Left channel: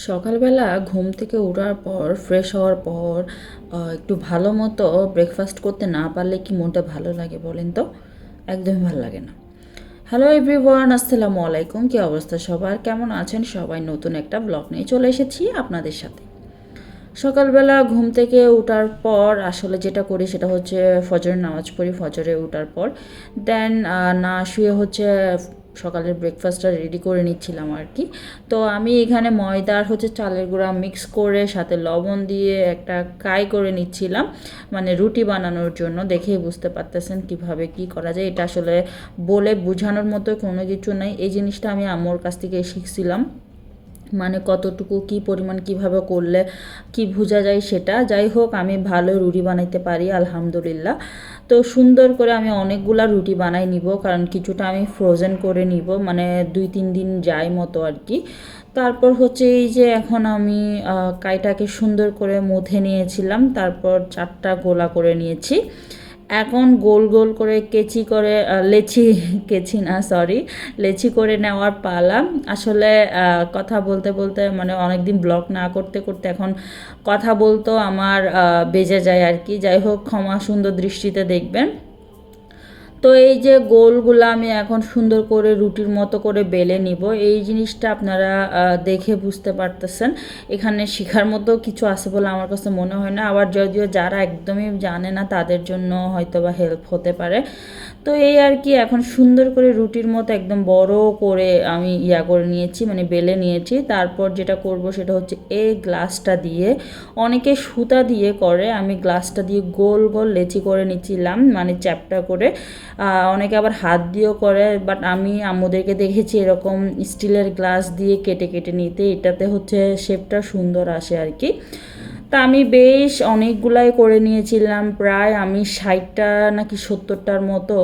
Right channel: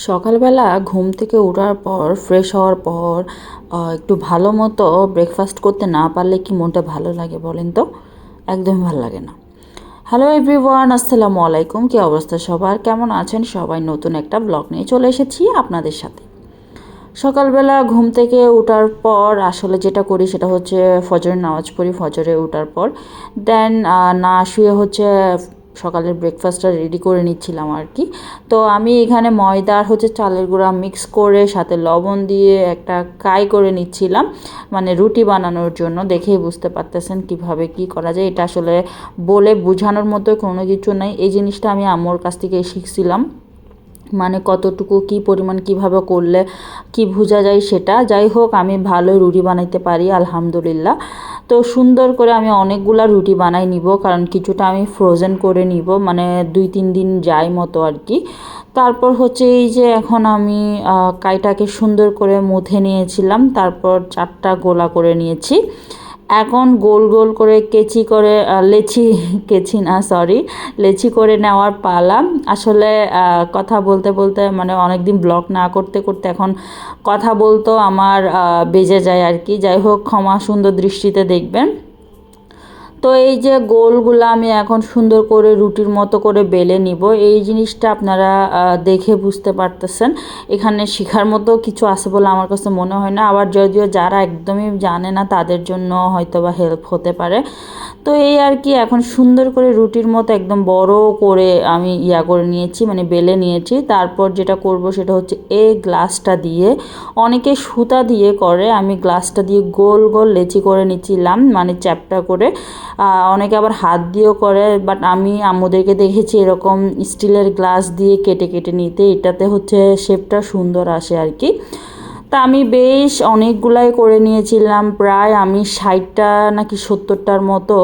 সকালবেলা ঘুম থেকে ওঠার পর ফ্রেশ হওয়ার পর একটু ভালো মতো ব্রেকফাস্ট করতে না পারলে কি মনটা ভালো লাগে বলেন তো? একদমই ভালো লাগে না। হ্যালো এভরিওয়ান, আসসালামু আলাইকুম। কী অবস্থা সবার? কেমন আছেন সবাই? নতুন একটা ব্লগ নিয়ে চলে এসেছি আপনাদের সাথে। সকালবেলা ঘুম থেকে ওঠার পর আসলে যেটা করি সেটা হচ্ছে ফজরের নামাজ পড়ি। ফজরে ওঠার পর দেন না শুয়ে হচ্ছে সকালের ব্রেকফাস্টটা রেডি করে নিচ্ছিলাম আর কি। তো আমি এখানে ময়দা আর হচ্ছে চালের গুঁড়া মিক্স করে সাথে লবণ দিয়ে একটা কাই করে নিচ্ছিলাম, মানে রুটি বানানোর জন্য। দেখেই বুঝতে পারতেছেন কিভাবে কি করা যায়। এটা আসলে বলে বোঝানোর মতো কোনো কিছু নাই। এই জিনিসটা আমি আম্মুর কাছ থেকে শিখছিলাম, মানে কতটুকু কি পরিমাণ কিভাবে করলে কি বোঝা যায় সেটা। যাই হোক, আমি ভালো রুটি বানাইতে পারি আলহামদুলিল্লাহ। তো সুন্দর করে আমি অনেকগুলা রুটি বানাই নিব, কারণ কিছুটা আমি ফ্রোজেন করে নিব, মানে 2-3 দিন যায় মতো আর কি। তারপর হচ্ছে এই যে এখন আমি কাইটাকে সুন্দর করে মুথে নিয়েছিলাম, তারপর 4টা গোলা করে নিয়েছি। এখন গোল গোল করে কেচি করে লেচি কেচি না সরি লেচি করে নেওয়ার পালা। আসলে কথা বলতে বলতে মানে অনেক দিন ব্লগ না করতে করতে এখন কথা বলতেও আমার বেজে যায় আর কি। যাই হোক, ক্ষমা সুন্দর দৃষ্টিতে দেখবেন। তো এই যে গোলগুলো আমি এখন সুন্দর করে রুটির মতো করে বেলে নিব। এই জিনিসটা আপনারা দেখে বুঝতে পারতেছেন। এখানে শেখার মতো কিছু আছে বলে আমার কাছে মনে হয় না। আবার যদিও যারা একদমই জানে না তাদের জন্য হয়তো বা হেল্প হতে পারে। তো এই আর কি, এখন সুন্দর করে রুটির মতো একদম বড় করে আমি করে নিয়েছি, মানে বেলে নিয়েছি। তারপর যেটা করব সেটা হচ্ছে এই গ্লাসটা দিয়ে, অনেকে সুতা দিয়ে করে, আমি গ্লাসটা দিয়ে গোল গোল লেচি করে নিচ্ছিলাম, মানে চ্যাপটা করে। অনেকে আবার হাত দিয়েও করে, বাট আমি আম্মুদেরকে দেখেছি এরকম স্টিলের গ্লাস দিয়ে কেটে কেটে নিতে। এটাতে হচ্ছে শেপটা সুন্দর আসে আর কি। তা আমি বেশ অনেকগুলাই করে নিয়েছিলাম, প্রায় আমি 60টা নাকি 70টার মতো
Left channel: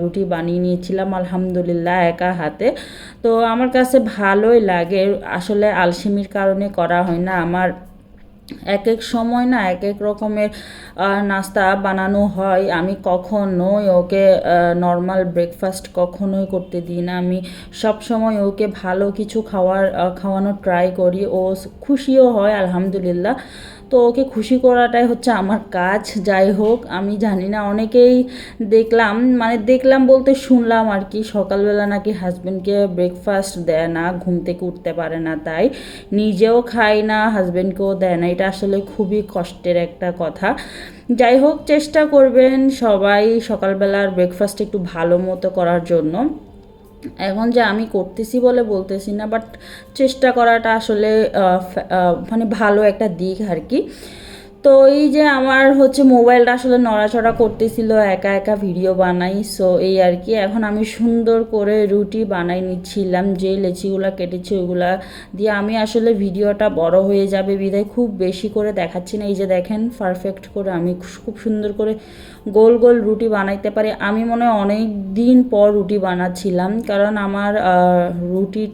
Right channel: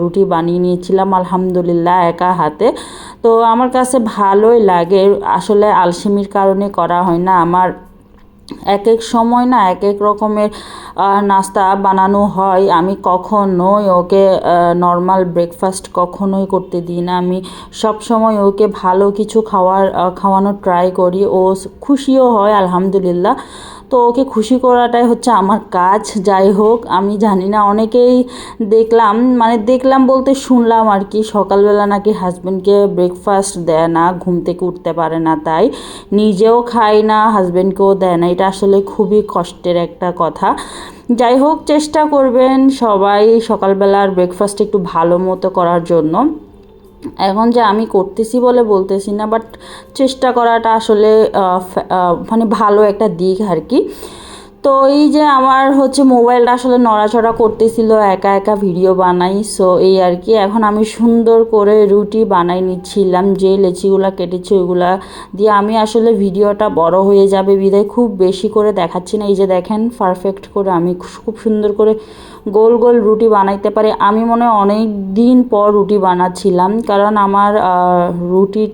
রুটি বানিয়ে নিয়েছিলাম আলহামদুলিল্লাহ একা হাতে। তো আমার কাছে ভালোই লাগে, আসলে আলসেমির কারণে করা হয় না। আমার এক এক সময় না এক এক রকমের নাস্তা বানানো হয়। আমি কখনোই ওকে নর্মাল ব্রেকফাস্ট কখনোই করতে দিই না। আমি সব সময় ওকে ভালো কিছু খাওয়ানোর ট্রাই করি। ও খুশিও হয় আলহামদুলিল্লাহ। তো ওকে খুশি করাটাই হচ্ছে আমার কাজ। যাই হোক, আমি জানি না, অনেকেই দেখলাম বলতে শুনলাম আর কি, সকালবেলা নাকি হাজব্যান্ডকে ব্রেকফাস্ট দেয় না, ঘুম থেকে উঠতে পারে না, তাই নিজেও খায় না, হাজব্যান্ডকেও দেয় না। এটা আসলে খুবই কষ্টের একটা কথা। যাই হোক, চেষ্টা করবেন সবাই সকালবেলার ব্রেকফাস্ট একটু ভালো মতো করার জন্য। এখন যে আমি করতেছি বলে বলতেছি না, বাট চেষ্টা করাটা আসলে মানে ভালো একটা দিক আর কি। তো এই যে আমার হচ্ছে মোবাইলটা আসলে নড়াচড়া করতেছিল, একা একা ভিডিও বানাই, সো এই আর কি। এখন আমি সুন্দর করে রুটি বানাই নিচ্ছিলাম, যে লেচিগুলো কেটেছি ওইগুলা দিয়ে। আমি আসলে ভিডিওটা বড় হয়ে যাবে বিধায় খুব বেশি করে দেখাচ্ছি না। এই যে দেখেন পারফেক্ট করে আমি খুব সুন্দর করে গোল গোল রুটি বানাইতে পারি। আমি মনে হয় অনেক দিন পর রুটি বানাচ্ছিলাম, কারণ আমার রুটি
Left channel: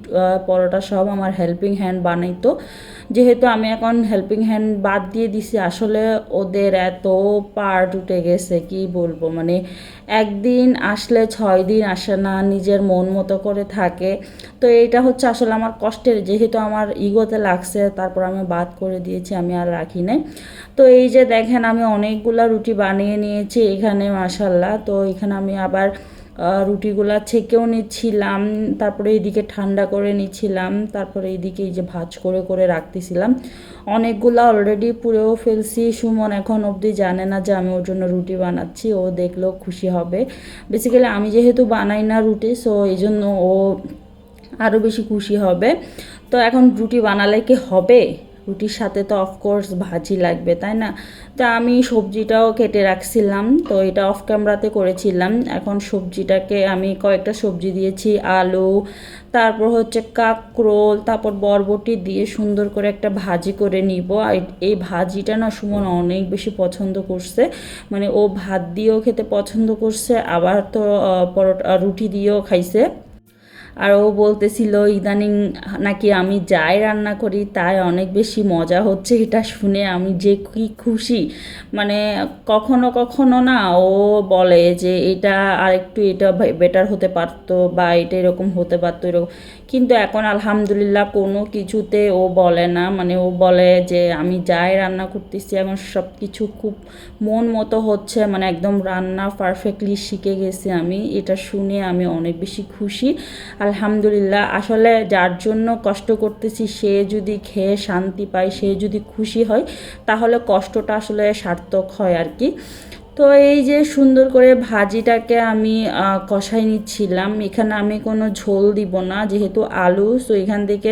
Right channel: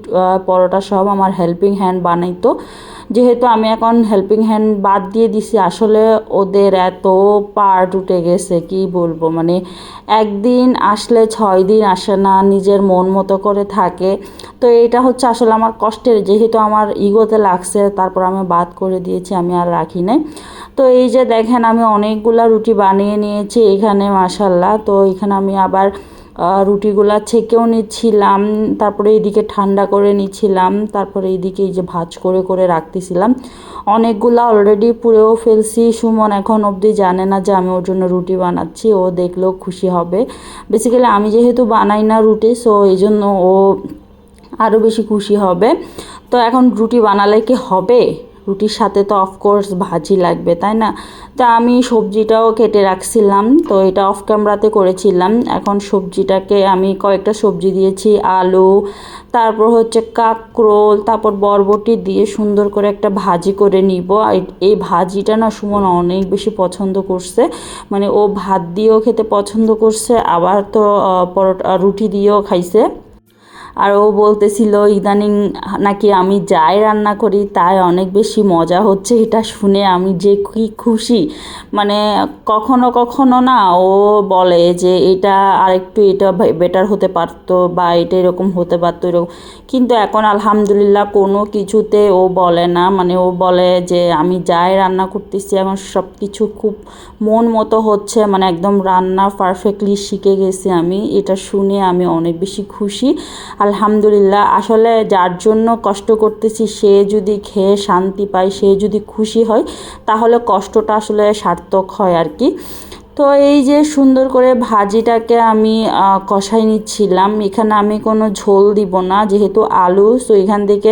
পরোটা সব আমার হেল্পিং হ্যান্ড বানাইতো। যেহেতু আমি এখন হেল্পিং হ্যান্ড বাদ দিয়ে দিছি, আসলে ওদের এত পার্ট উঠে গেছে কি বলবো, মানে একদিন আসলে 6 দিন আসে না, নিজের মন মতো করে থাকে। তো এটা হচ্ছে আসলে আমার কষ্টের, যেহেতু আমার ইগোতে লাগছে তারপর আমি বাদ করে দিয়েছি, আমি আর রাখি নাই। তো এই যে দেখেন আমি অনেকগুলা রুটি বানিয়ে নিয়েছি এখানে মাশাল্লাহ। তো এখানে আমি আবার রুটিগুলা ছেঁকেও নিচ্ছিলাম, তারপরে এইদিকে ঠান্ডা করে নিচ্ছিলাম, তারপরে এইদিকে এই যে ভাজ করে করে রাখতেছিলাম। অনেকগুলা অলরেডি পুড়েও ফেলছি। সুমন এখন অবধি জানে না যে আমি ওর জন্য রুটি বানাচ্ছি, ও দেখলেও খুশি হবে। বেসিক্যালি আমি যেহেতু বানাই না রুটি, সো এই জন্য ও আরও বেশি খুশি হবে। তো এখন রুটি বানালে কি হবে, রুটির সাথে তো অফকোর্স ভাজি লাগবে, তাই না? তা আমি সবজিটাও কেটে রাখছিলাম, তো এটা অফ ক্যামেরাতে করেছিলাম। এখন সবজিটাকে আমি কয়েকটা সবজি দিয়েছি, আলু, তারপর হচ্ছে কাঁকরোল, তারপর বরবটি দিয়ে সুন্দর করে একটা ভাজি করে নিব। এই ভাজিটা না সুমন অনেক বেশি পছন্দ করছে, মানে ও ভাত দিয়েও খেতে পছন্দ করছে, আবার তো পরোটা রুটি দিয়েও খাইছে। আর ও বলতেছিল ইদানিং নাকি আমি যাই রান্না করি তাই অনেক বেশি মজা হচ্ছে। এটা শুনে আমি যে কি খুশি, মানে কখনো কখনো না ও বলে যে এটা আরেকটু এটা বেটার হতে পারতো বা এটা এরকম হতে পারতো এরকম, কিন্তু এখন আলহামদুলিল্লাহ কোনো কিছুতে ও বলে না। মানে ও বলে যে আমি যাই রান্না করতেছি এখন সব কিছু খুব মন মতো হচ্ছে, মানে একদম রান্না পারফেক্টলি শিখে গেছি আমি। এটা শুনে আমি অনেক বেশি খুশি আলহামদুলিল্লাহ। আসলে যার জন্য কষ্ট করতেছি সে যদি খেয়ে শান্তি পায়, সে যদি খুশি হয়, তাহলে কষ্টটা আসলে সার্থক হয় আর কি। তো এই যে সুন্দর করে ভাজিটাকে আমি কষাই নিচ্ছিলাম। এখানে আমি কোনো ঝোল দিব না, যেহেতু আলু, তো এখান থেকে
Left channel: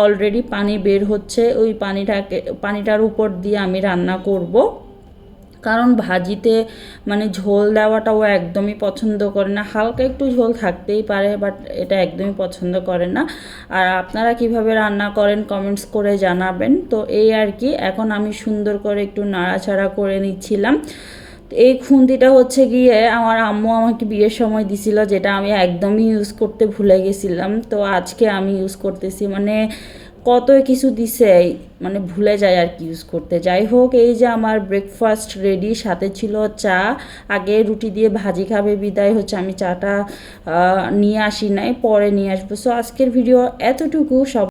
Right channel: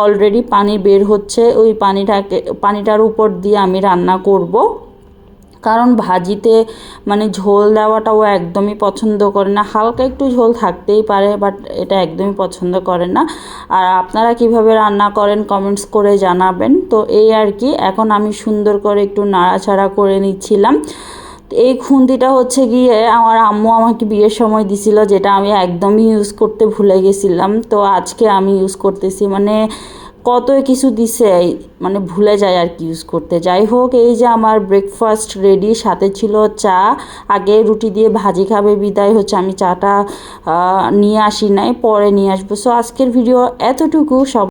অলরেডি পানি বের হচ্ছে, ওই পানিটার উপর দিয়ে আমি রান্না করব। কারণ ভাজিতে মানে ঝোল দেওয়াটাও একদমই পছন্দ করে না, হালকা একটু ঝোল থাকতেই পারে, বাট এটা একদমই পছন্দ করে না। আর আপনারা কিভাবে রান্না করেন কমেন্টস করে জানাবেন। তো এই আর কি, এখন আমি সুন্দর করে একটু নাড়াচাড়া করে নিচ্ছিলাম। এই খুন্তিটা হচ্ছে গিয়ে আমার আম্মু আমাকে বিয়ের সময় দিছিল, যেটা আমি একদমই ইউজ করতে ভুলে গেছিলাম। তো আজকে আমি ইউজ করতেছি, মানে কত কিছু দিছে, মানে ভুলে যায় আর কি ইউজ করতে। যাই হোক, এই যে আমার ব্রেকফাস্ট রেডি, সাথে ছিল চা। আগে রুটি দিয়ে ভাজি খাবে বিদায় হচ্ছে আমি চাটা নিয়ে আসি নাই, পরে নিয়ে আসবো। সো আজকের ভিডিও এতটুকু। সব